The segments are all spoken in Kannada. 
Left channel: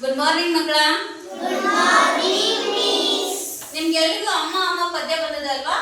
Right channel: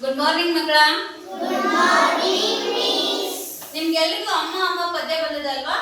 ಗುಡ್ ಮಾರ್ನಿಂಗ್ ಮಕ್ಕಳ ನಿಮ್ಗೆಲ್ರಿಗೂ ಅಮ್ಮ ಅಮ್ಮ ಪದ್ಯ ಬಂದದಲ್ವಾ?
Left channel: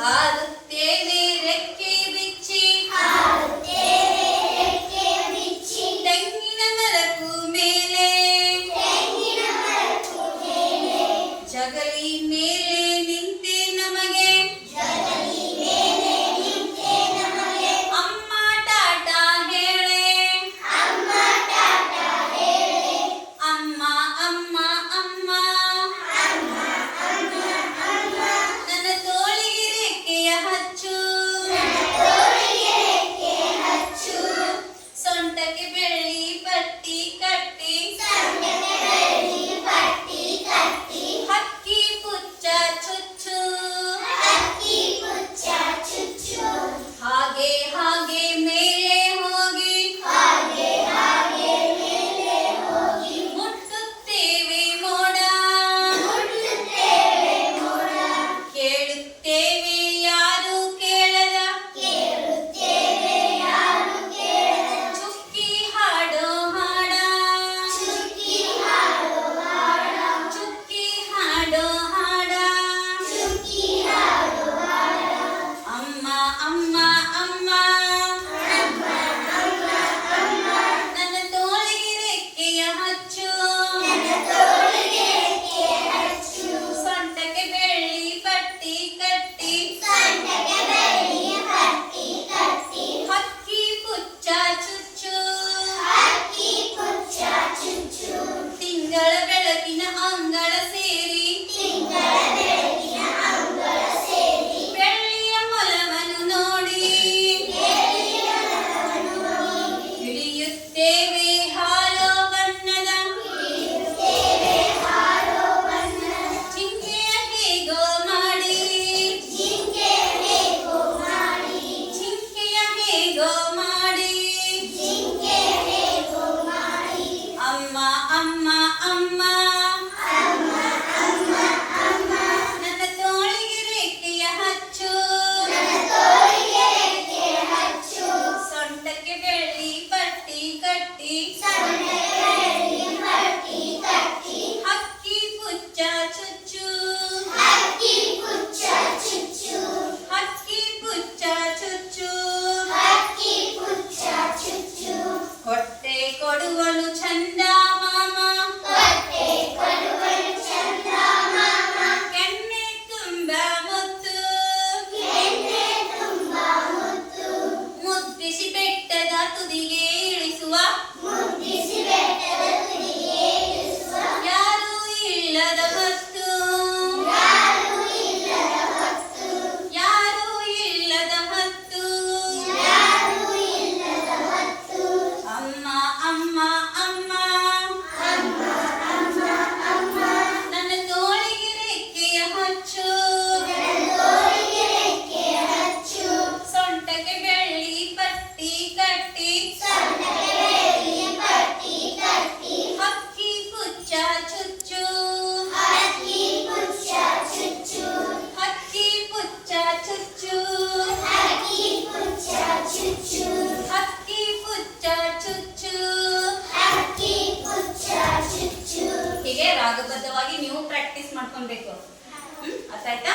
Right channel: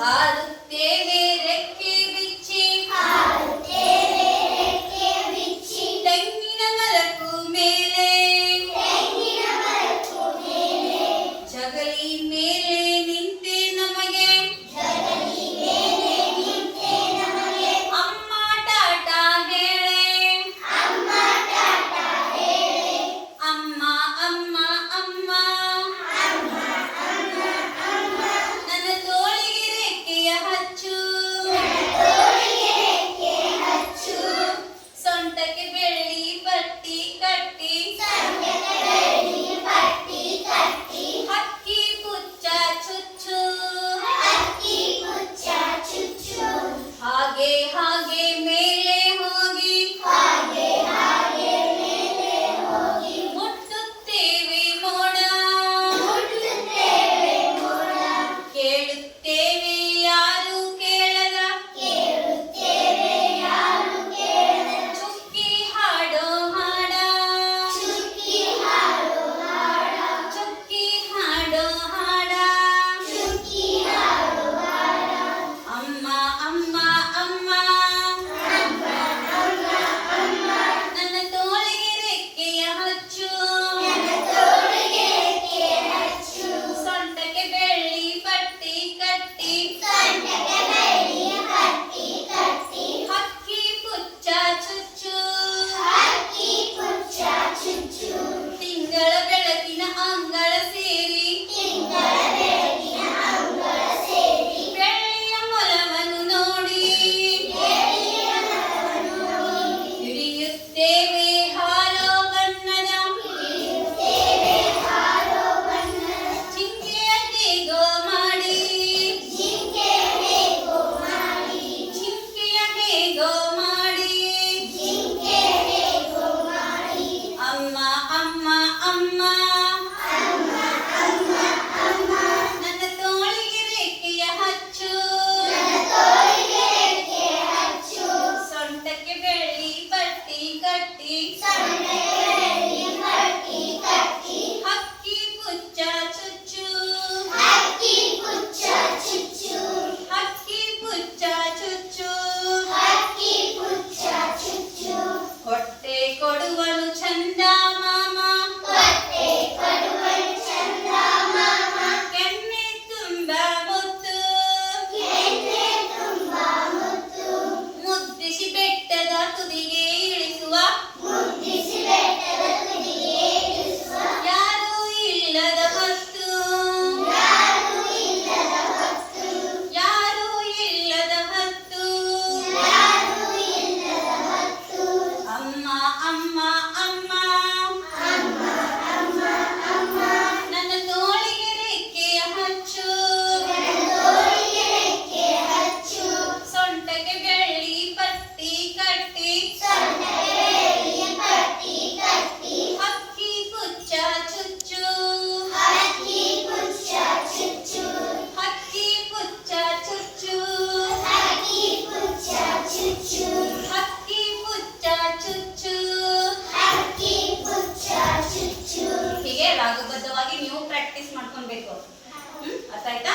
Hadi. Sao? ಕಾಲುಬದ್ಧವಾಗಿ ನೀವು ಪ್ರಾಕ್ಟೀಸ್ ಮಾಡ್ಕೊಬೇಕು ಹ್ಮ್? ಅರ್ಥ ಆಯ್ತಾ?